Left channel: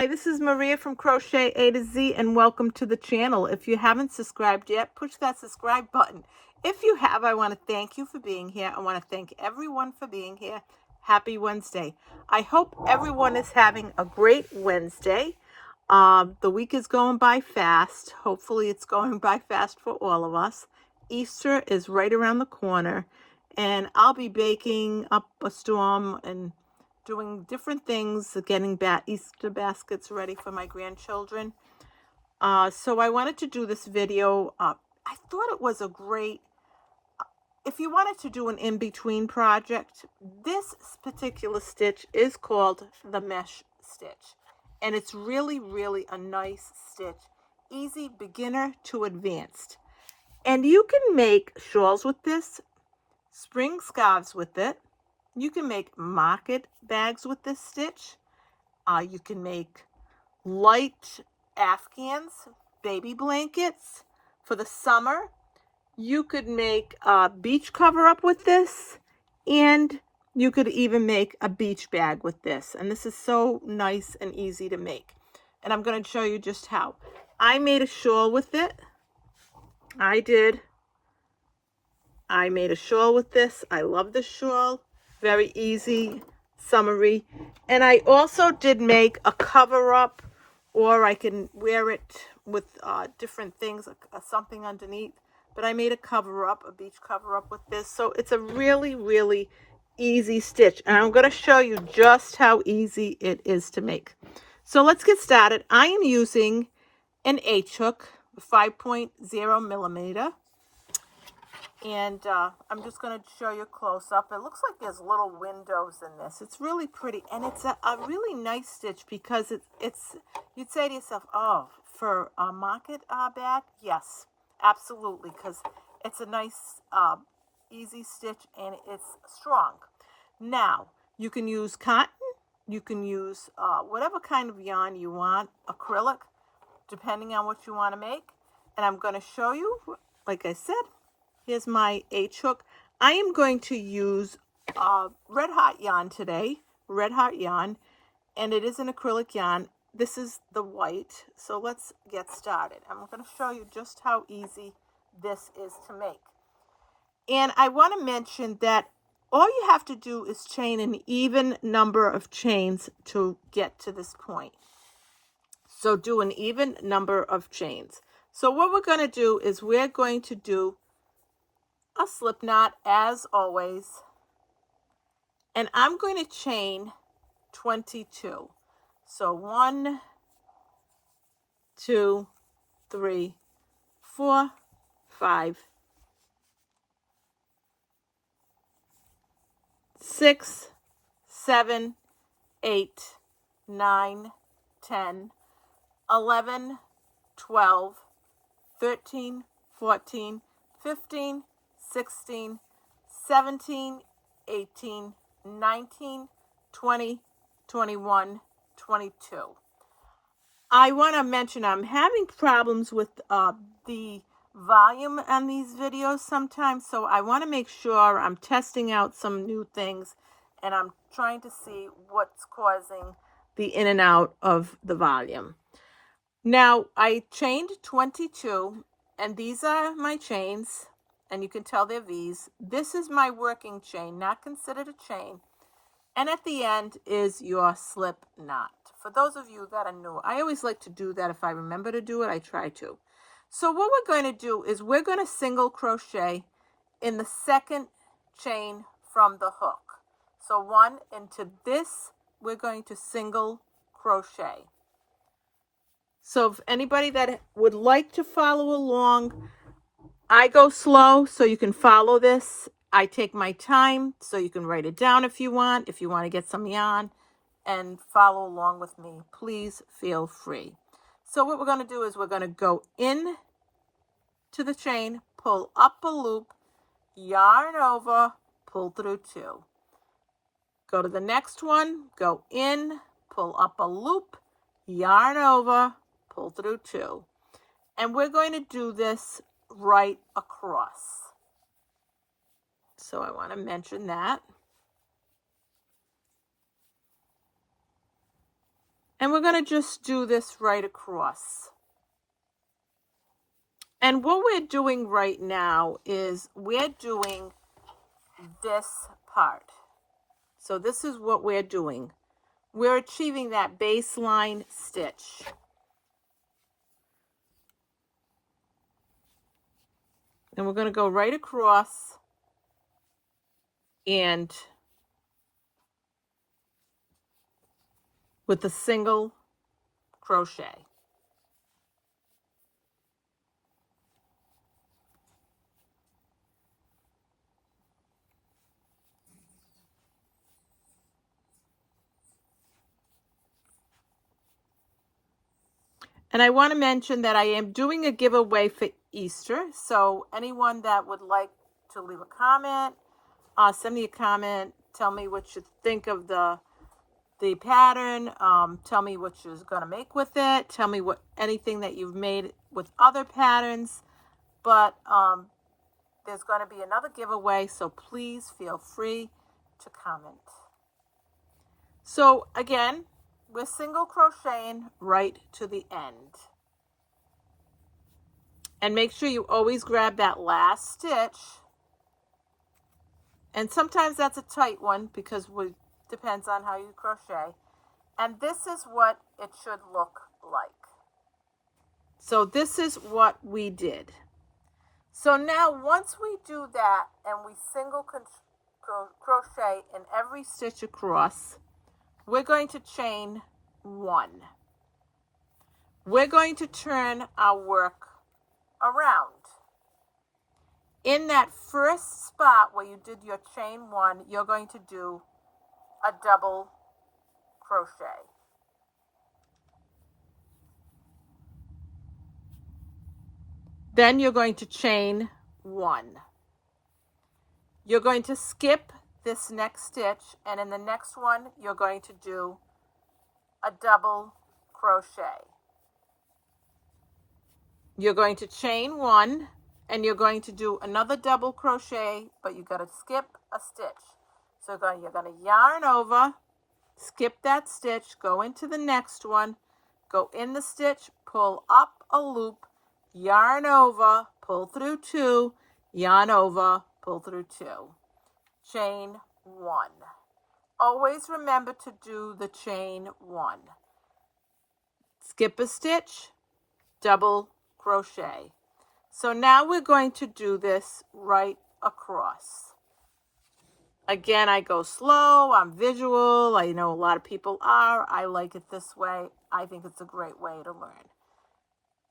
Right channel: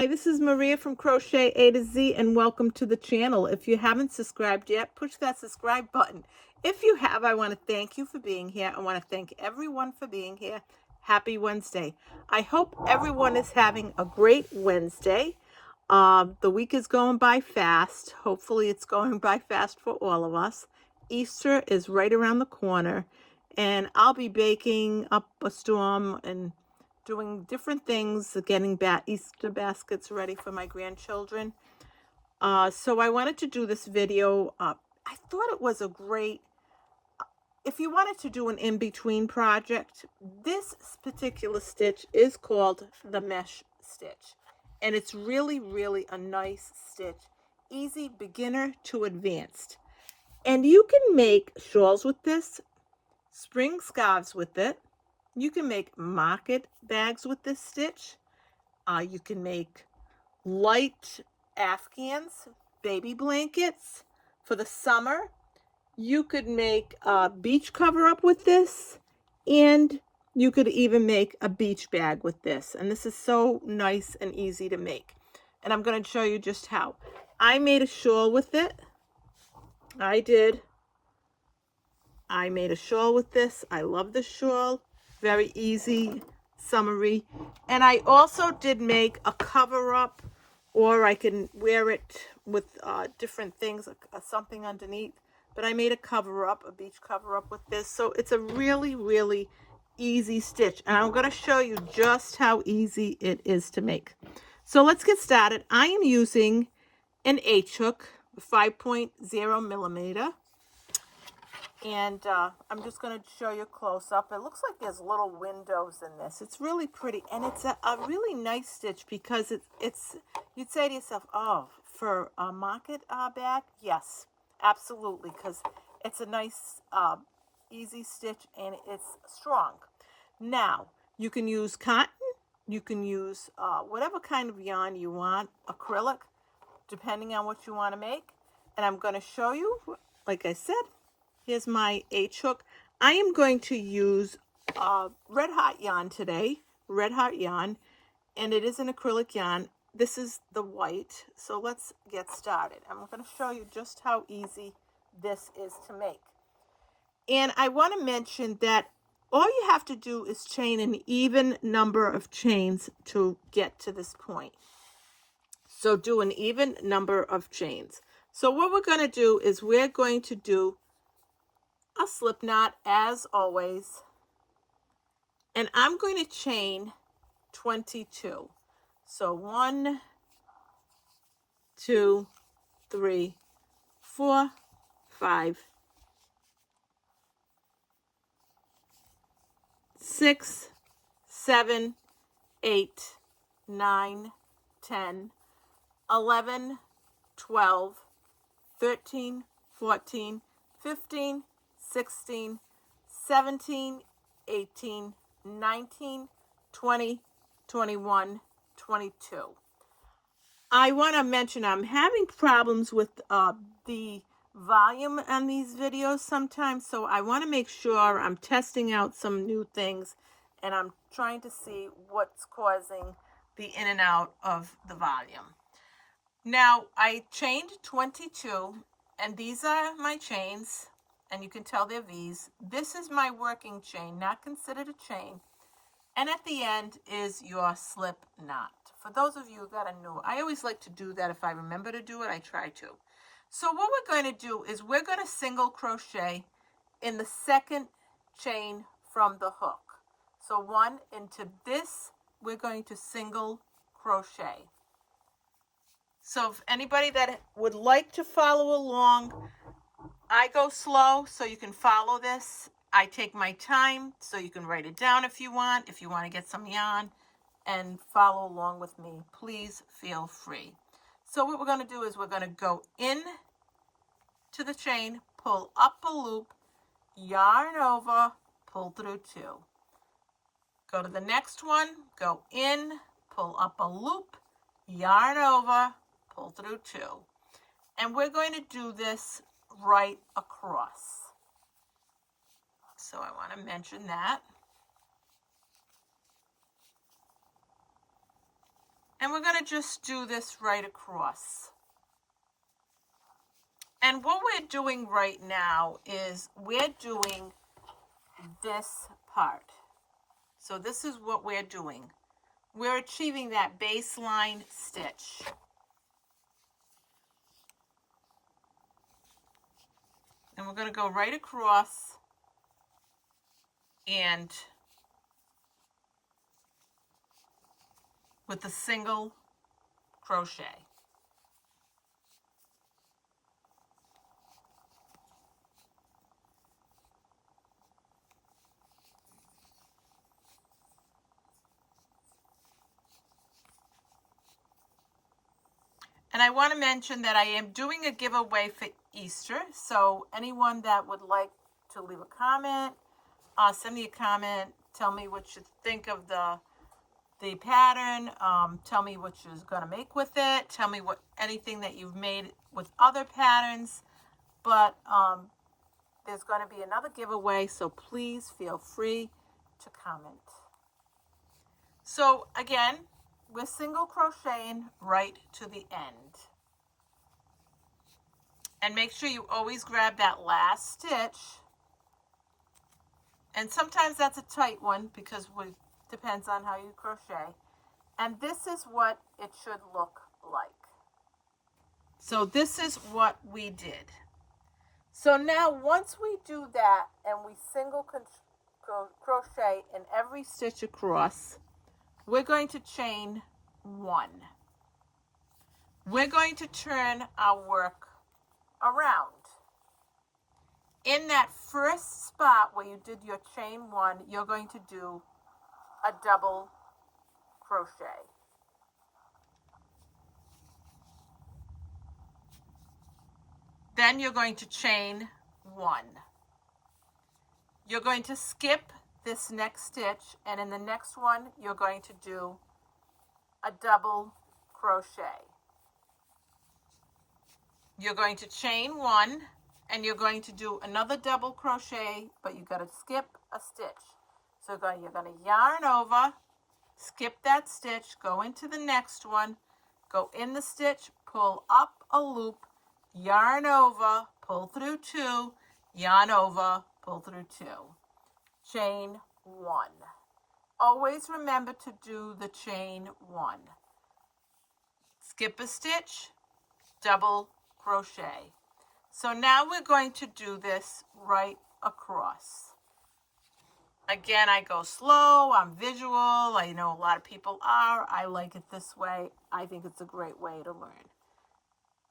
Hi, this is Maria from Crochet A to Z, and welcome to the channel. If you haven't subscribed yet, push that subscribe button. If you have, I want to thank you for being here. I want to thank everyone for being here. Happy Wednesday. I hope everyone is having a great Wednesday. The week is going by fast. Hopefully it's going by fast for all of us. Easter is right around the corner, and I'll be baking up a storm and doing different things, getting Easter baskets ready for my grandchildren. So I wanted to do this video. I thought it was a great, if you wanted to do an in-between project, this particular stitch is called the mesh stitch. And it's really, really a nice stitch. Easy, beginner to advanced. And you can make shawls with this, spring scarves with it. You can make market bags with this stitch. You can make light Afghans, baby blankets for the summer. You could make a beach cover up with this, and you could even make a beach bag with this. And this is so nice and easy to make. And I'm going to show you just how. I made a shawl with it. I made a shawl with this. I love the shawl. Very easy, summery. And I also did make a cover up, or I can wear it with different things, something underneath. But I made a cover up, a beach cover up with this. So it's a really, really easy stitch. And I'm going to show you just how easy it is to make. So let's get started. I am using an H hook, 5.0 millimeter. And I'm just going to show you close up. It looks like there's little windows in this. It's really pretty. And it's a really nice stitch because it's you'd say to yourself, oh, for a market bag? Yes, absolutely. Because it's a nice, easy stitch and it's strong. Now, you can use cotton. You can use whatever kind of yarn you want, acrylic, depending on what you want to make. And I'm going to show you, like I said, here's my H hook. I am going to use red hot yarn today, red hot yarn, and it is an acrylic yarn. This is the white, so let's get started. I'm going to show you just how easy this is to make. And I want to mention that all you have to do is chain an even number of chains to get to this point. So do an even number of chains. So what we're going to do is we're going to do a slip knot as always, and I'm going to chain 22. So 1, 2, 3, 4, 5, 6, 7, 8, 9, 10, 11, 12, 13, 14, 15, 16, 17, 18, 19, 20, 21, 22. I want to mention I'm having problems with the volume on these videos sometimes, so I want to make sure I'm testing out some new things, and I'm trying to see what's causing the in and out of the volume. Now, I chained 22, and these are my chains. And you can tell they're V's. This is my working chain, not considered a chain. And at the end is your slip knot. For those of you that are new, I always like to do that. If I remember to do it, I try to. So what we're going to do is we're going to single crochet in the second chain from the hook. So 1 into this, we're going to single crochet. So if anybody that would like to follow along, I go slow so you can follow this. I take my time so you can write it down if you want to get some yarn and follow along with me. Please feel free. So what we're going to do is we're going to go in to the chain, pull up a loop, yarn over, pull through 2. Go to the next one, go in, pull up a loop, yarn over, pull through 2. And we're going to do this right across. So I want to mention that. And we're going to just do this right across. And what we're doing right now is we're doing this part. So this is what we're doing. We're achieving that baseline stitch. And we're going to go right across and with a single crochet. And I want to mention that I am doing a giveaway for Easter. So anyone that would like to leave a comment, send me a comment, tell me what you think of the pattern, tell me what you're going to make with it, tell me what anything that you've made with other patterns. But there's going to be another giveaway, so please feel free to comment. So again, we're single crocheting right to the end. And make sure you always grab that last stitch. And sometimes that's a tight one because it depends on how you crochet. And this is what it should look like. So this is what we did. So now once we do that and we single crochet in every stitch across, we're going to chain 1. We're going to turn our work around. In that first spot where you did your chain 1, you're going to do a double crochet. Then you're going to chain 1. You're going to skip this next stitch, and in the next one you're going to do a double crochet. You're going to chain 1 and you're going to do another double crochet, but you got to skip a stitch. So you're going to yarn over, skip that stitch, go into the next one, go in the stitch, pull up a loop, yarn over, pull through 2, yarn over, pull through 2. Chain 1. Always remember to do the chain 1. Skip a stitch, double crochet. So now we're going to do this right across. Again, I go slow, I'm visual, I know a lot of people are. I like it this way. I think it's a great way to learn.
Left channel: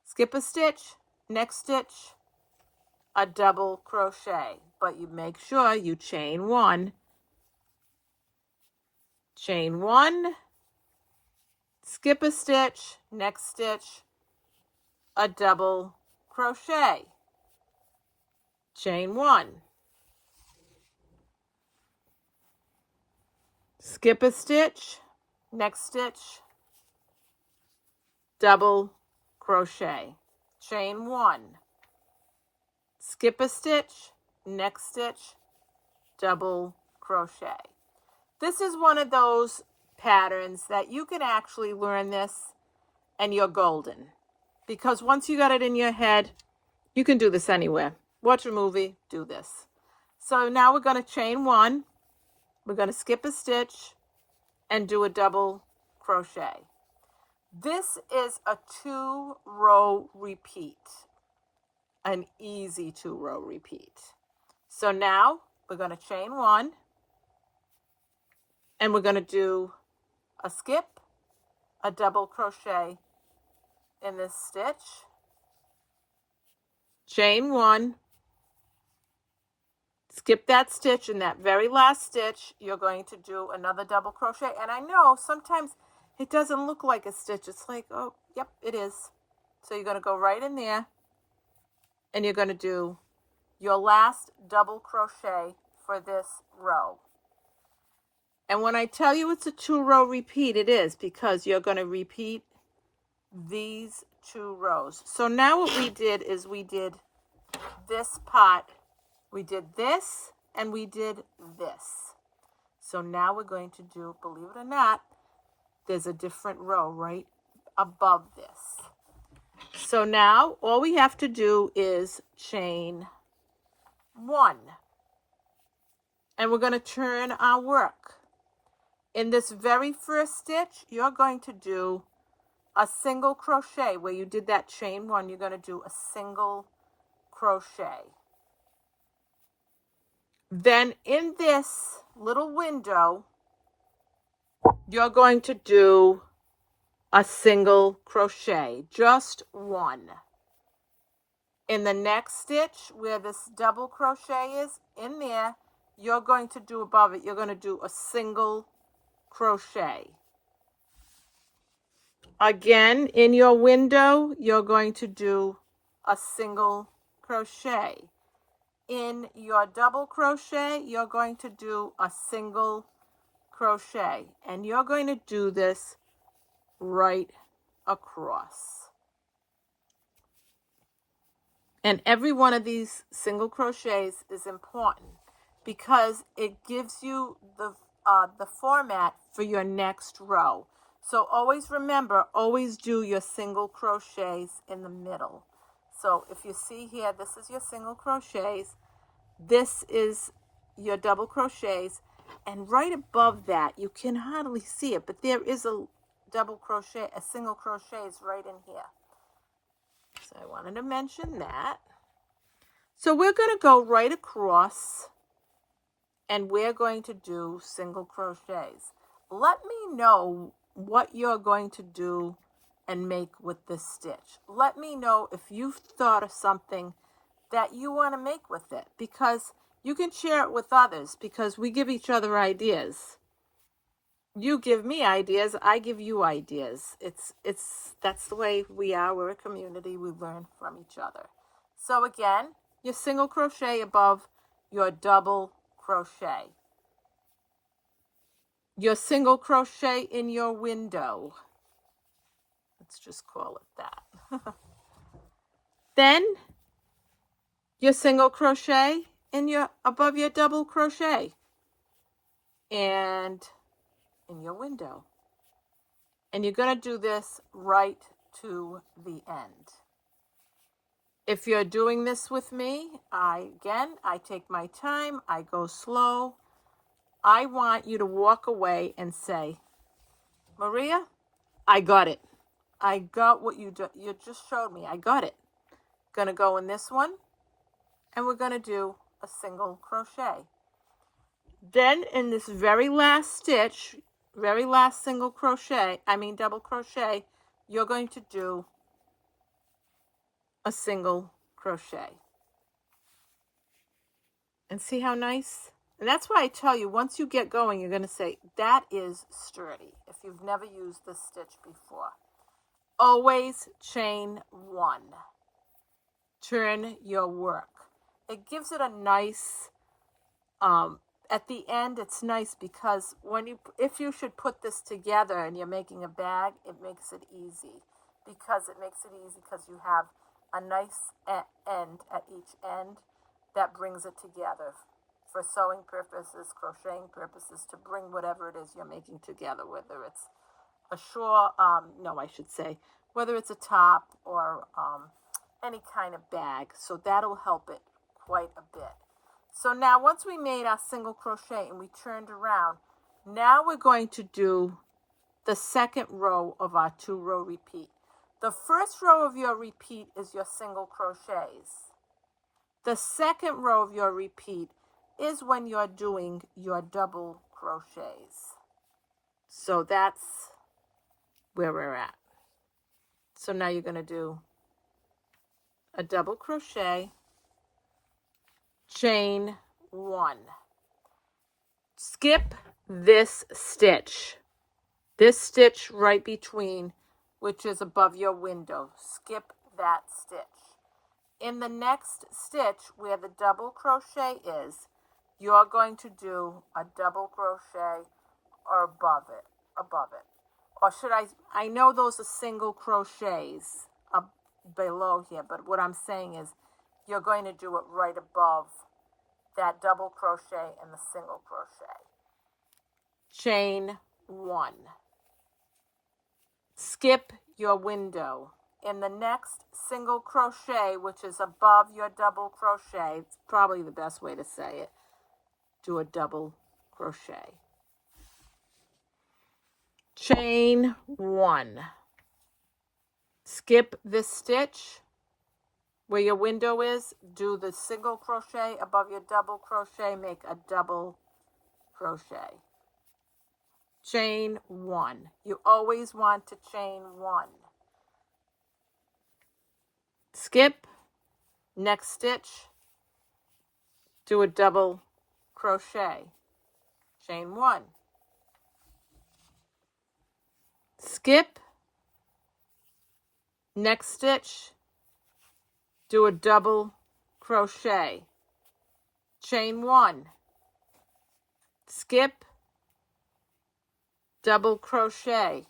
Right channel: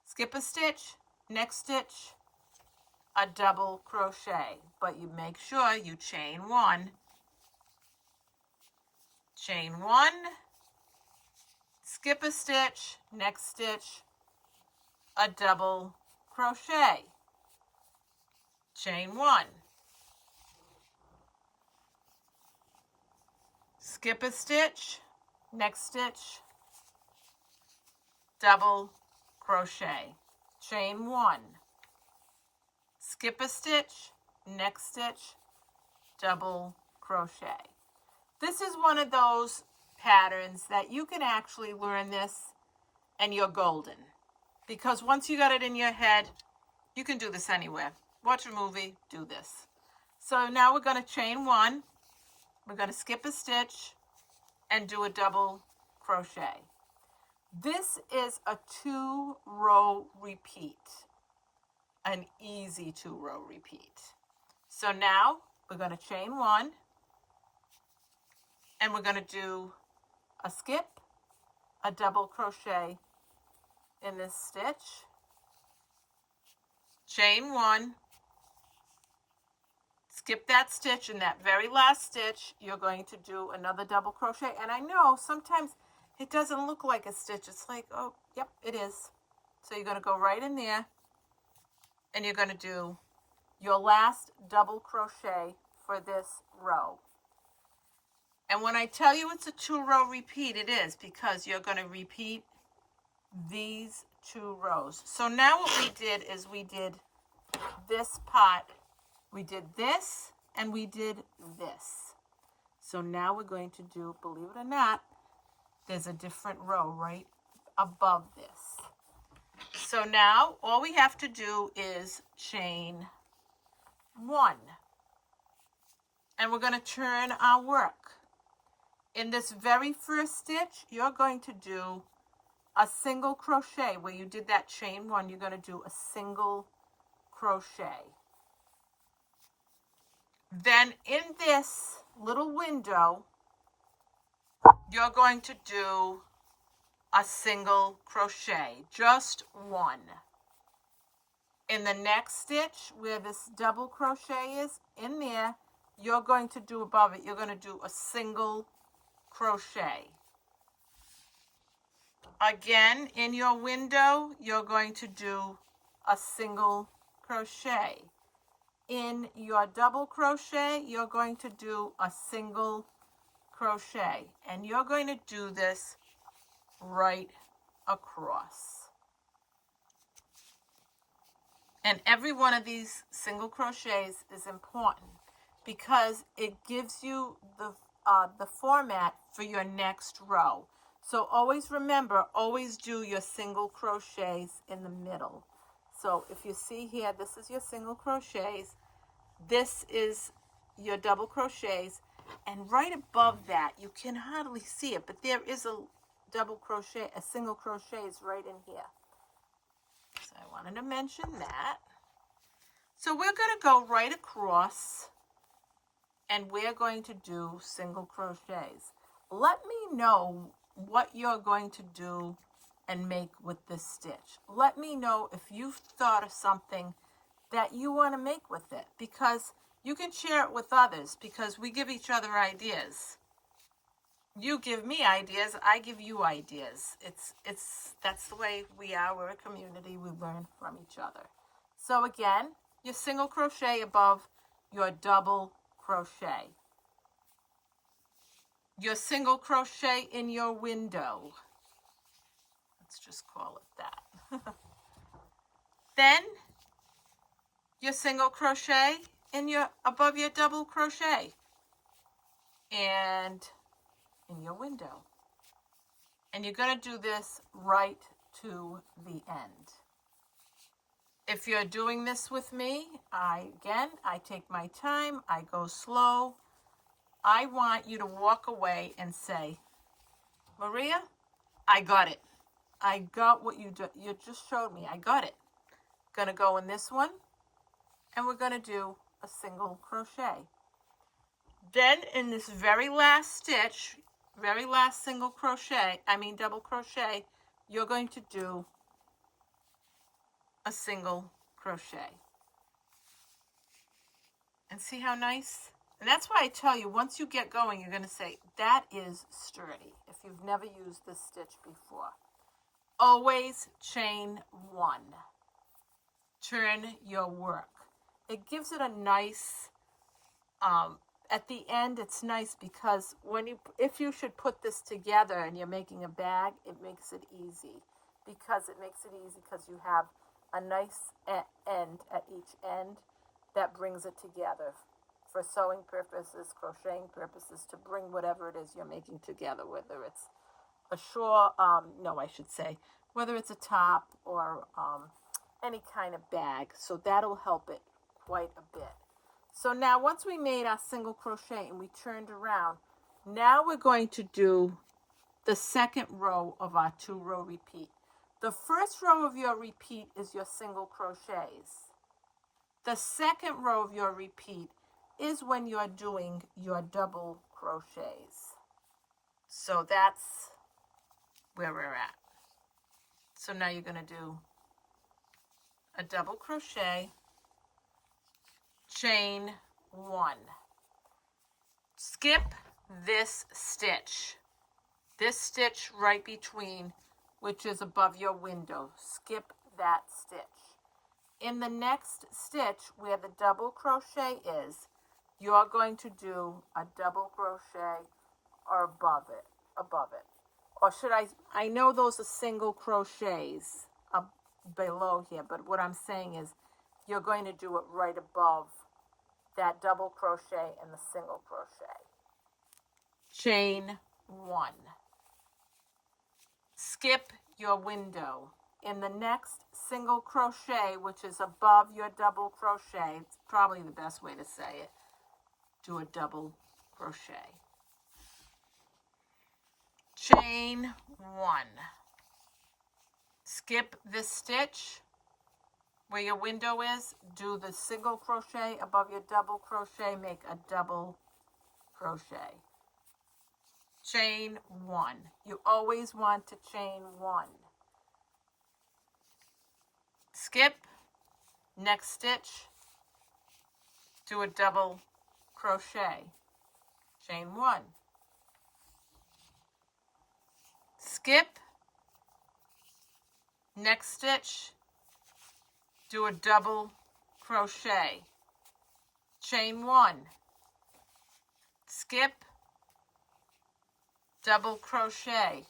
Skip a stitch, next stitch, a double crochet. But you make sure you chain 1. Chain 1, skip a stitch, next stitch, a double crochet. Chain 1. Skip a stitch, next stitch, double crochet. Chain 1. Skip a stitch, next stitch, double crochet. This is one of those patterns that you can actually learn this and you're golden. Because once you got it in your head, you can do this anywhere. Watch a movie, do this. So now we're going to chain 1. We're going to skip a stitch and do a double crochet. This is a 2-row repeat. An easy 2-row repeat. So now we're going to chain 1. And we're going to do a skip, a double crochet in this stitch, chain 1, skip that stitch. In that very last stitch, you're going to do another double crochet. And I know sometimes it doesn't look like a stitch. It's like, oh, yep, it is. So you're going to go right in there and you're going to do your last double crochet for this row. And when I tell you it's a 2-row repeat, it is because you're going to repeat these 2 rows. So now what we did is we did this part. We did this and we did this. So now we're going to do, believe it or not, there's a different row right above this. So now all we have to do is chain 1. And we're going to turn our work. In this very first stitch, you're going to do a single crochet. Where you did that chain 1, you're going to do a single crochet. Then in this little window, you're going to do a single crochet, just 1. In the next stitch, where this double crochet is, in there, you're going to do above it, you're going to do a single crochet. Again, in your window, you're going to do a single crochet. In your double crochet, you're going to do a single crochet. And you're going to do this right across. And every one of these single crochets is important because it gives you the format for your next row. So always remember, always do your single crochets in the middle. So if you see here, this is your single crochets, this is your double crochets, and right above that, you can hardly see it, but there is a double crochet, a single crochet is right in here. So I wanted to mention that. So we're going to go right across and we're going to do single crochets. Let me know what you're going to do and make with this stitch. Let me know if you've thought of something that you want to make with it, because you can share it with others, because we give each other ideas. You give me ideas, I give you ideas. That's the way we are. We're a community. We learn from each other. So again, your single crochet above your double crochet. Your single crochet in your window. Let's just call it that. Then your single crochet in your above your double crochet and in your window. And you're going to do this right to the end. If you're doing this with me, I take my time, I go slow. I want you to walk away and say, Maria, I got it. I got what you just showed me. I got it. Gonna go in this one, and we're gonna do a single crochet. Then in this very last stitch, very last single crochet, double crochet, you're going to do a single crochet. And see how nice? And that's why I tell you, once you get going, you're going to say, that is sturdy, if you've never used this stitch before. Always chain 1. Turn your work. It gives it a nice, at the end, it's nice because if you should put this together and you're making a bag, it makes it easy. Because you have a nice end at each end that brings it together for sewing purposes, crocheting purposes, to bring whatever it is you're making together, whether it's a shawl, whether it's a top or any kind of bag. So that'll help it quite a bit. So now once we made our single crochet and we turned around, now we're going to do the second row of our 2-row repeat. The first row of your repeat is your single crochets. The second row of your repeat is when you're doing your double crochets. So that's where we're at. So now you're going to do a double crochet, chain 1. Skip this stitch right between, which is above your window. Skip that stitch. In the next stitch where the double crochet is, you're going to do a double crochet or above it. Or should I know those are single crochets below here, but what I'm saying is you're going to do it right above that double crochet and the single crochet. Chain 1. skip your window. In the next single crochet, which is above your double crochet, it's probably the best way to say it, do a double crochet. Chain 1. Skip this stitch where your window is, do the single crochet above your double crochet, make a double crochet. Chain 1. You always want to chain 1. Skip, next stitch, do a double crochet. Chain 1. Skip, next stitch, do a double crochet. Chain 1. Skip, double crochet.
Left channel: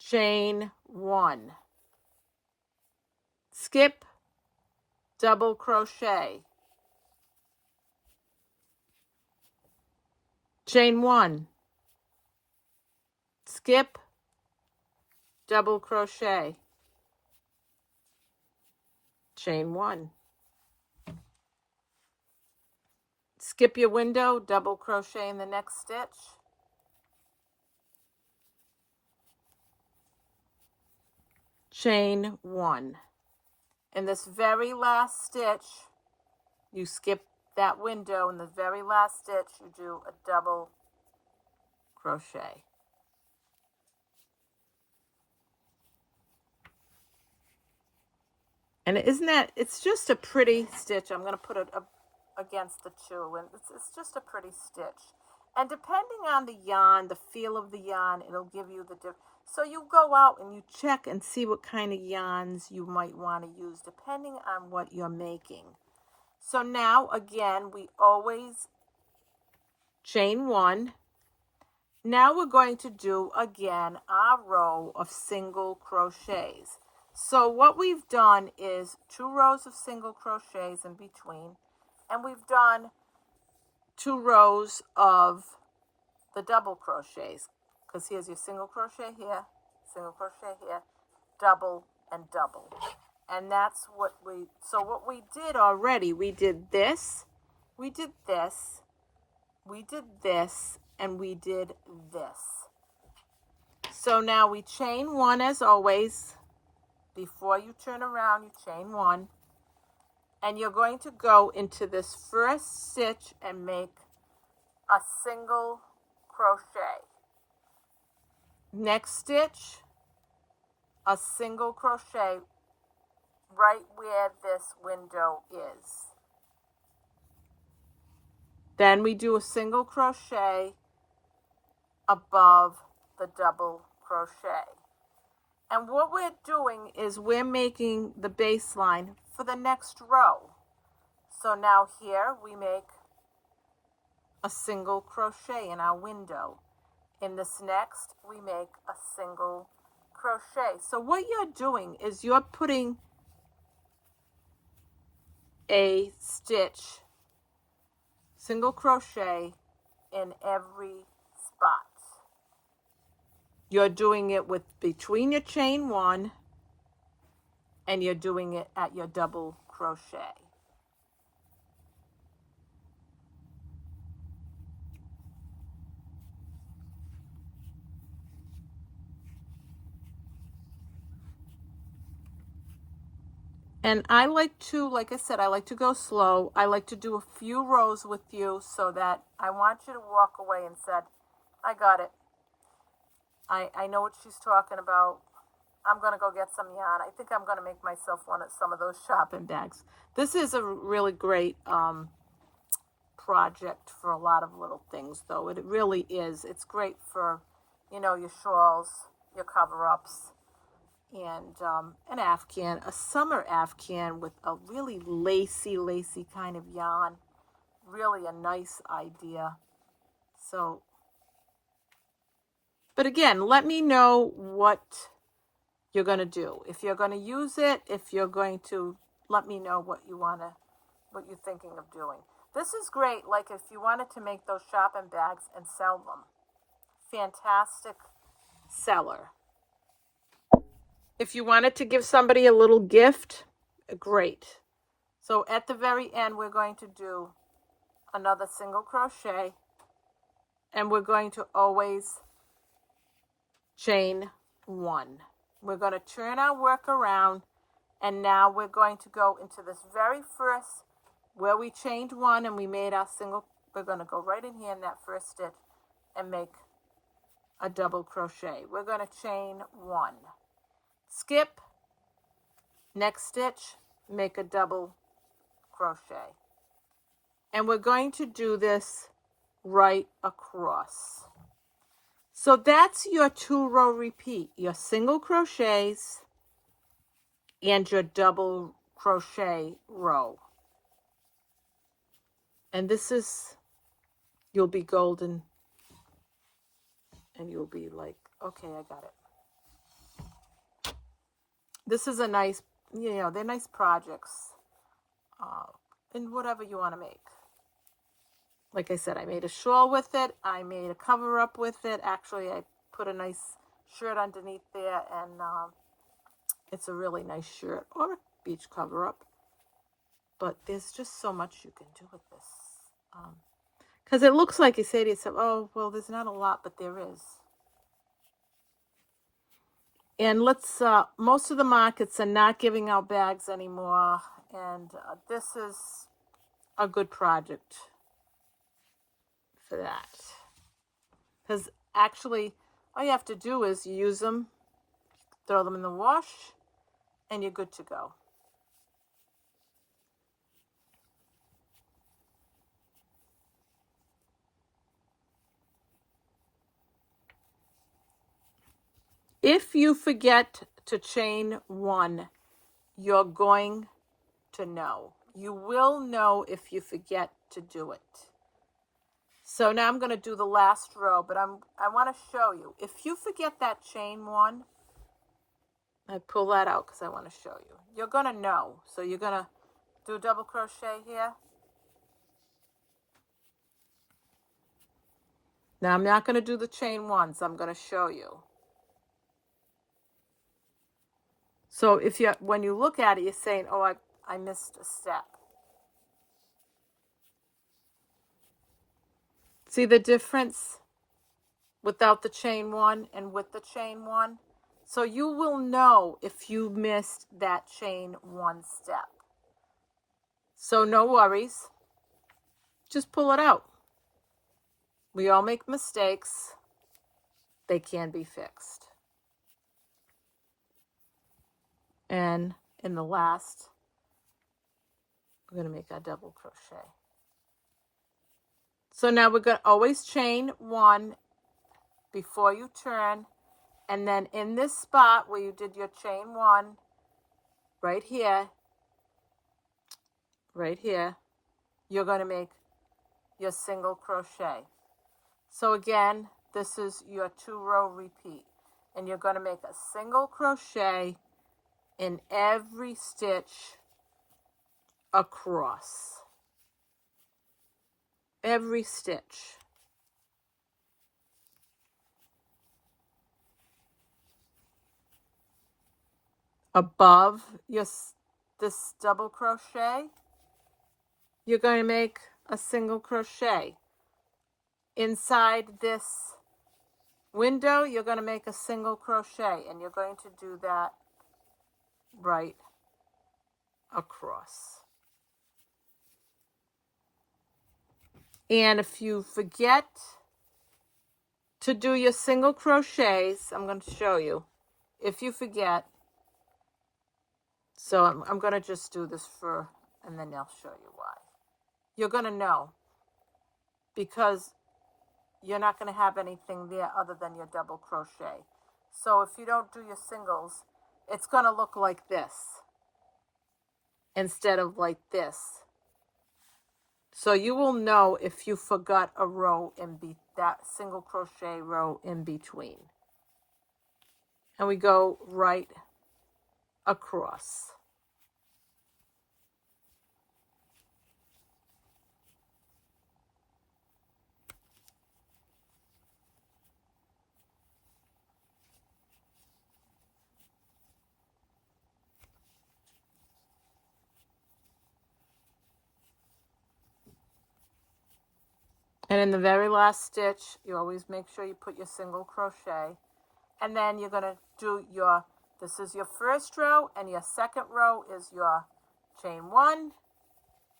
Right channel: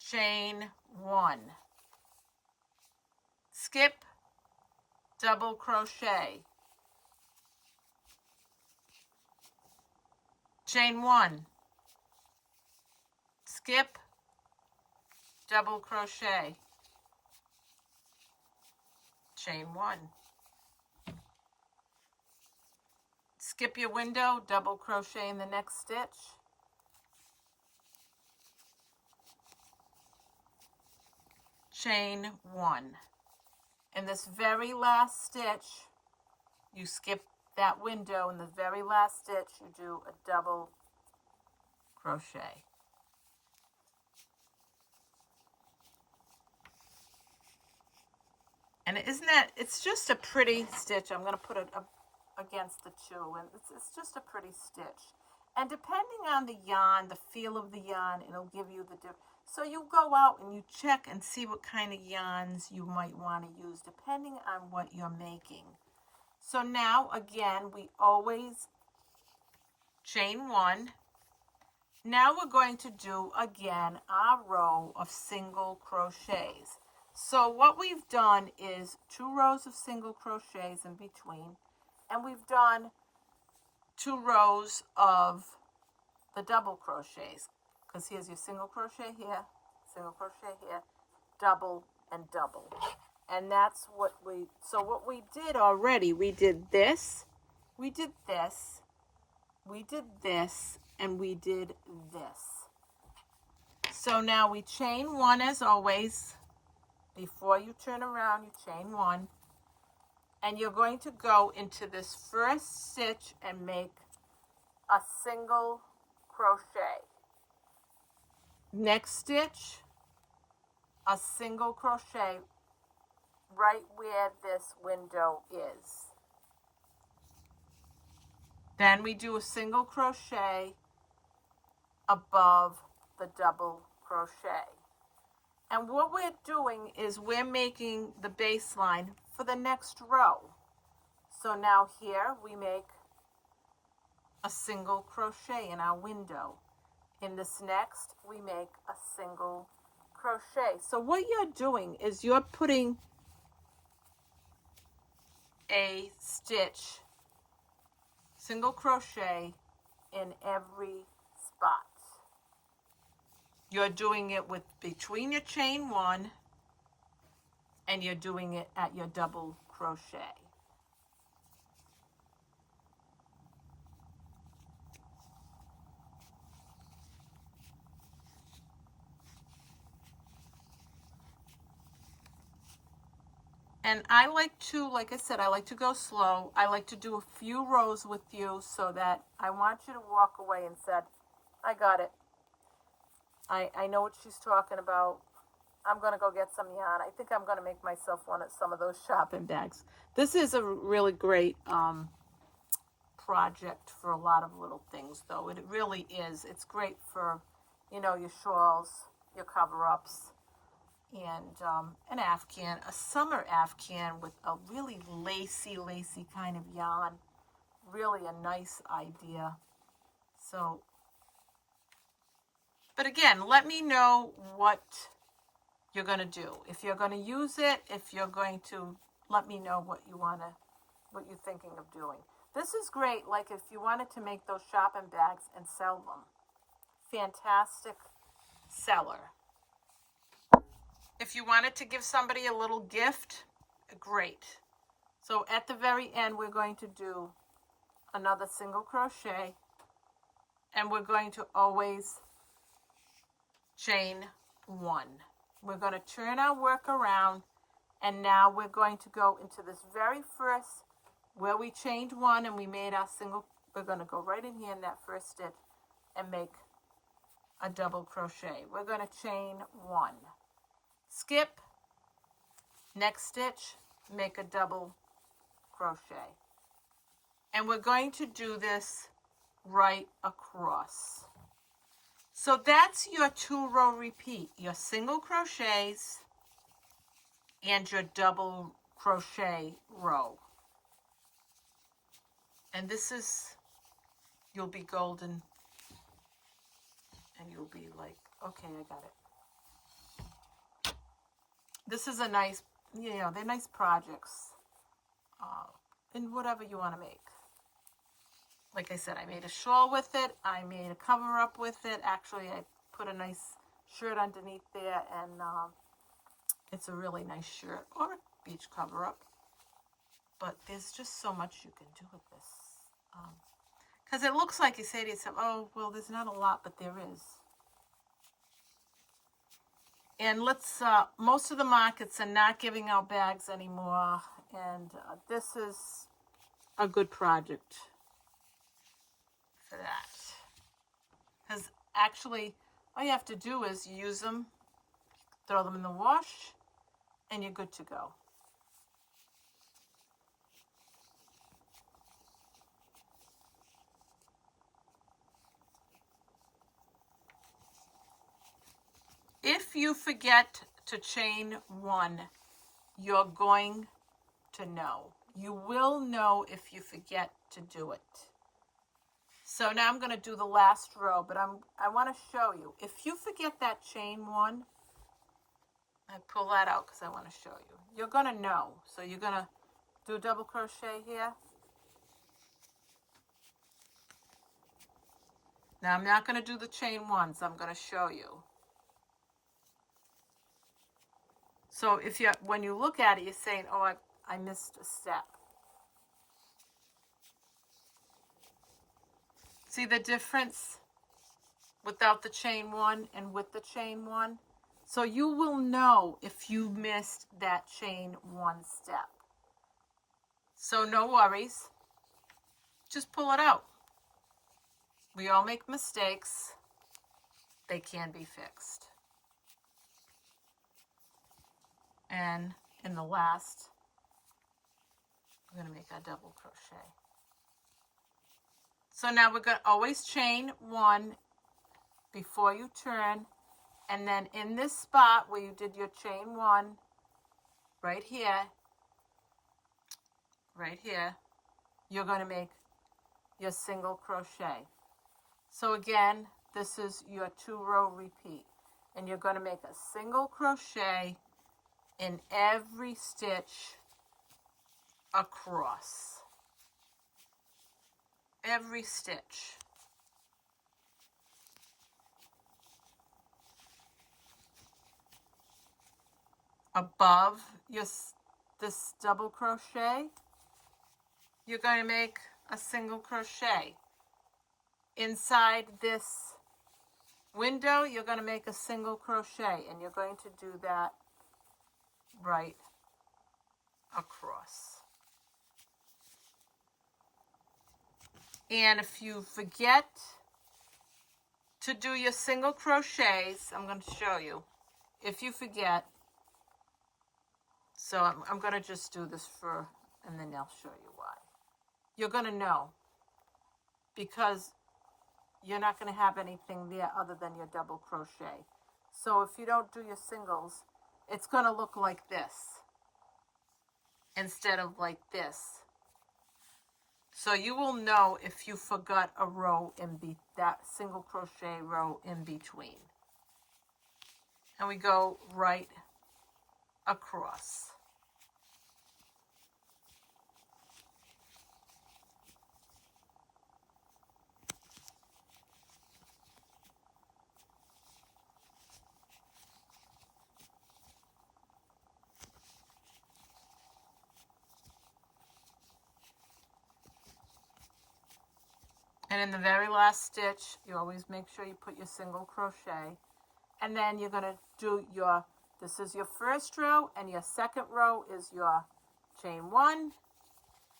Chain 1. Skip, double crochet. Chain 1. Skip, double crochet. Chain 1. Skip your window, double crochet in the next stitch. Chain 1. In this very last stitch, you skip that window. In the very last stitch, you do a double crochet. And isn't that, it's just a pretty stitch. I'm going to put it up against the two, and it's just a pretty stitch. And depending on the yarn, the feel of the yarn, it'll give you the difference. So you go out and you check and see what kind of yarns you might want to use depending on what you're making. So now, again, we always chain 1. Now we're going to do, again, our row of single crochets. So what we've done is 2 rows of single crochets in between, and we've done 2 rows of the double crochets, because here's your single crochet here, single crochet here, double and double. And that's what so what we did already, we did this, we did this, we did this, and we did this. So now we chain 1 as always. Before you turn around, you chain 1. And you're going to go into this first stitch and make a single crochet. Next stitch, a single crochet right where this window is. Then we do a single crochet above the double crochet. And what we're doing is we're making the baseline for the next row. So now here we make a single crochet in our window. In this next, we make a single crochet. So what you're doing is you're putting a stitch, single crochet in every spot. You're doing it with between your chain 1 and you're doing it at your double crochet. And I like to, like I said, I like to go slow. I like to do a few rows with you so that I want you to walk away and said, I got it. I know what she's talking about. I'm going to go get some yarn. I think I'm going to make myself some of those shopping bags. This is a really great project for a lot of little things, though. It really is. It's great for, your shawls, your cover-ups, and an Afghan, a summer Afghan with a really lacy kind of yarn. Really a nice idea. So, but again, let me know what you're going to do. If you're going to use it, if you're going to, let me know what you're thinking of doing. This is great, like if you wanted to make those shopping bags and sell them. Fantastic seller. If you wanted to give somebody a little gift, great. So at the very end, we're going to do another single crochet, and we're going to always chain one. We're going to turn our work around, and now we're going to go into this very first, where we chained one and we made our single. We're going to go right in here in that first stitch and make a double crochet. We're going to chain one, skip, next stitch, make a double crochet. And we're going to do this right across. So that's your 2-row repeat, your single crochets and your double crochet row. And this is, you'll be golden, and you'll be like, okay, I got it. This is a nice, they're nice projects, and whatever you want to make. Like I said, I made a shawl with it. I made a cover up with it. Actually, I put a nice shirt underneath there, and it's a really nice shirt or a beach cover up. But there's just so much you can do with this. Because it looks like you say to yourself, oh, well, there's not a lot, but there is. And most of the markets are not giving out bags anymore. And this is a good project for that. Because actually, all you have to do is you use them, throw them in the wash, and you're good to go. If you forget to chain one, you're going to know. You will know if you forget to do it. So now I'm going to do the last row, but I want to show you. If you forget that chain one, I pull that out because I want to show you. You're going to know. So you're going to do a double crochet here. Now I'm not going to do the chain once. I'm going to show you. So when you look at it, you're saying, oh, I missed a step. See the difference without the chain one and with the chain one? So you will know if you missed that chain one step. So no worries. Just pull it out. We all make mistakes. They can be fixed. And in the last, we're going to make our double crochet. So now we're going to always chain one before you turn. And then in this spot where you did your chain one, right here, you're going to make your single crochet. So again, this is your 2-row repeat. And you're going to make a single crochet in every stitch across. Every stitch. Above this double crochet, you're going to make a single crochet. Inside this window, you're going to make a single crochet, and you're going to do that right across. And if you forget to do your single crochets, I'm going to show you. If you forget, so I'm going to just do this and then I'll show you why. You're going to know, because you're not going to have anything there other than your double crochet. So if you don't do your singles, it's going to look like this instead of like this. So you will know if you forgot a row that single crochet row in between. And we go right across. And in the very last stitch, you always make sure you put your single crochet. And then you're going to do your, this is your first row, and your second row is your chain 1,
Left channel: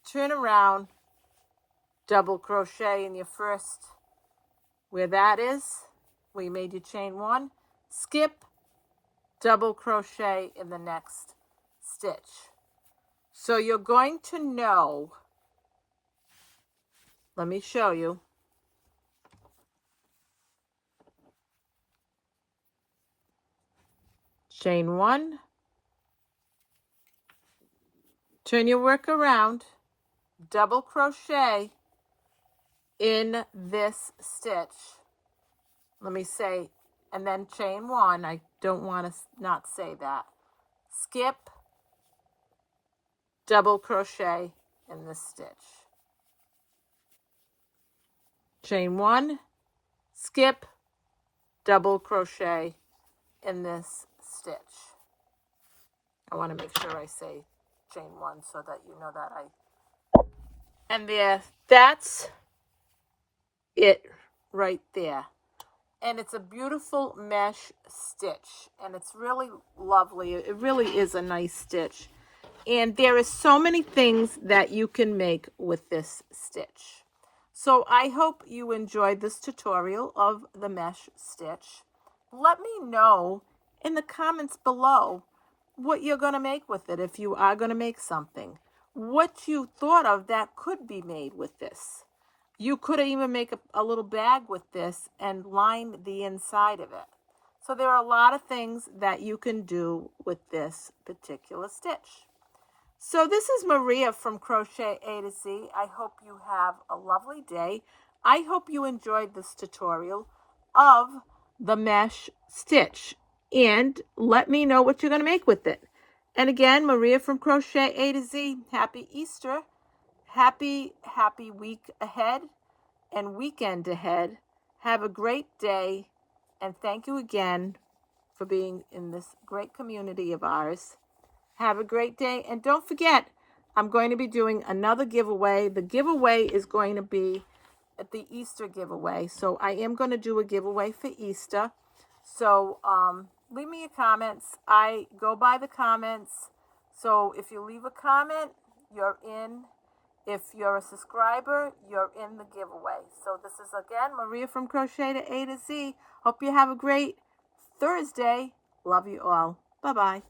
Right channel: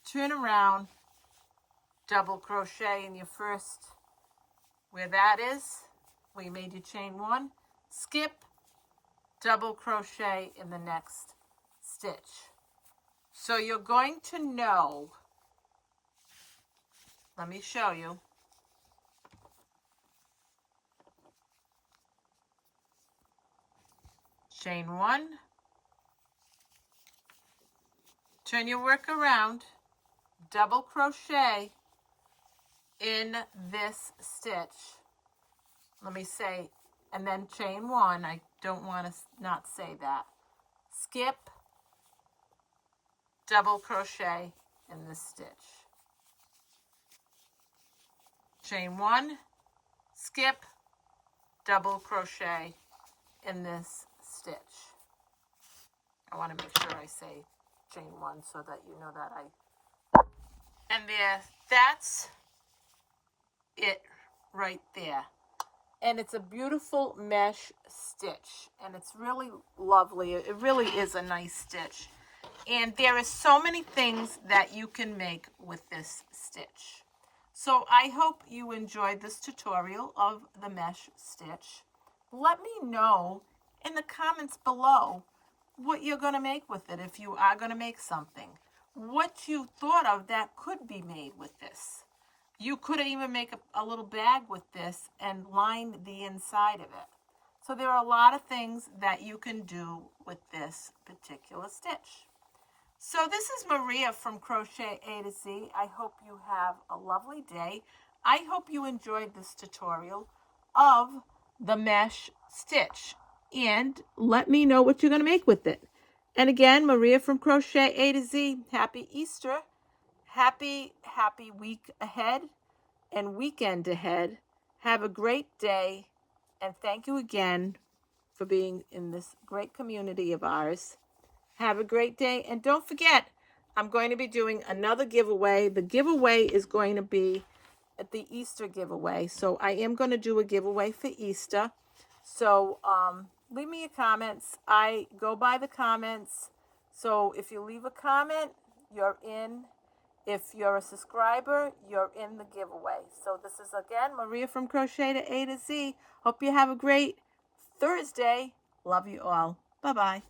turn around, double crochet in your first, where that is, where you made your chain 1, skip, double crochet in the next stitch. So you're going to know, let me show you. Chain 1, turn your work around, double crochet in this stitch. Let me say, and then chain 1. I don't want to not say that. Skip, double crochet in this stitch. Chain 1, skip, double crochet in this stitch. I want to make sure I say chain 1 so that you know that and there, that's it right there. And it's a beautiful mesh stitch, and it's really lovely. It really is a nice stitch. And there is so many things that you can make with this stitch. So I hope you enjoyed this tutorial of the mesh stitch. Let me know in the comments below what you're going to make with it, if you are going to make something. What you thought of that could be made with this. You could even make a little bag with this and line the inside of it. So there are a lot of things that you can do with this particular stitch. So this is Maria from Crochet A to Z. I hope you have a lovely day. I hope you enjoyed this tutorial of the mesh stitch. And let me know what you're going to make with it. And again, Maria from Crochet A to Z. Happy Easter. Happy week ahead and weekend ahead. Have a great day. And thank you again for being in this great community of ours. Have a great day. And don't forget, I'm going to be doing another giveaway. The giveaway is going to be at the Easter giveaway. So I am going to do a giveaway for Easter. So leave me your comments. I go by the comments. So if you leave a comment, you're in. If you're a subscriber, you're in the giveaway. So this is, again, Maria from Crochet to A to Z. Hope you have a great Thursday. Love you all. Bye-bye.